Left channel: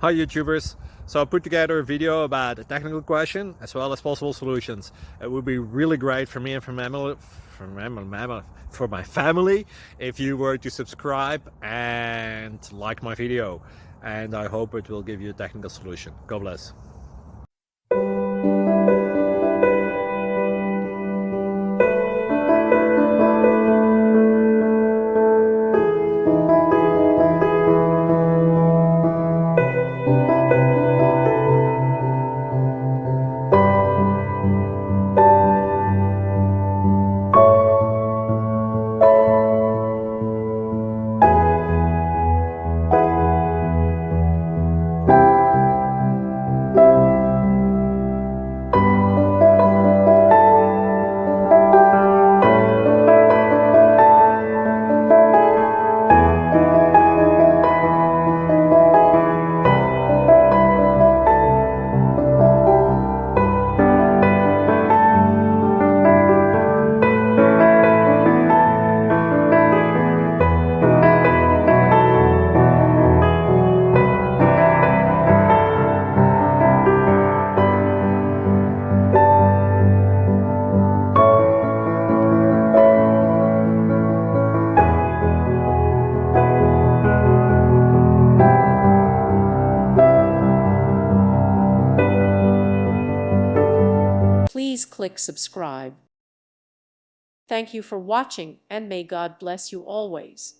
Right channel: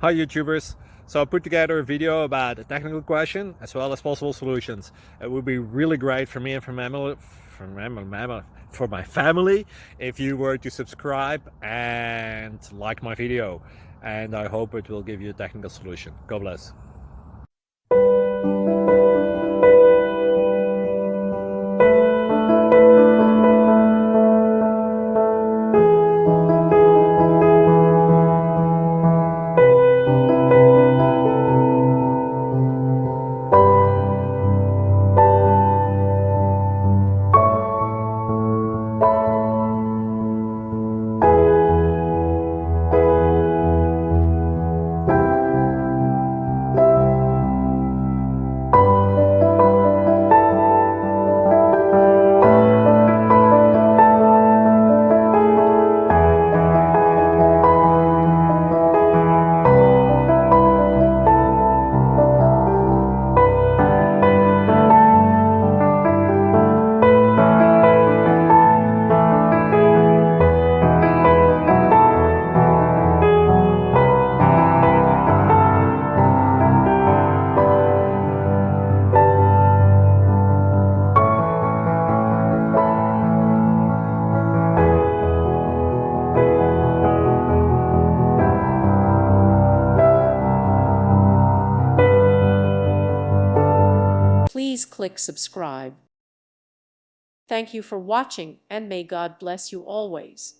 Hi YouTubers! So I put together a video about a technical question as well as possible solutions. It would be really great for me and for my family if you were to subscribe and like my video, and I hope it will give you a technical solution. God bless. Please click subscribe. Thank you for watching, and may God bless you always.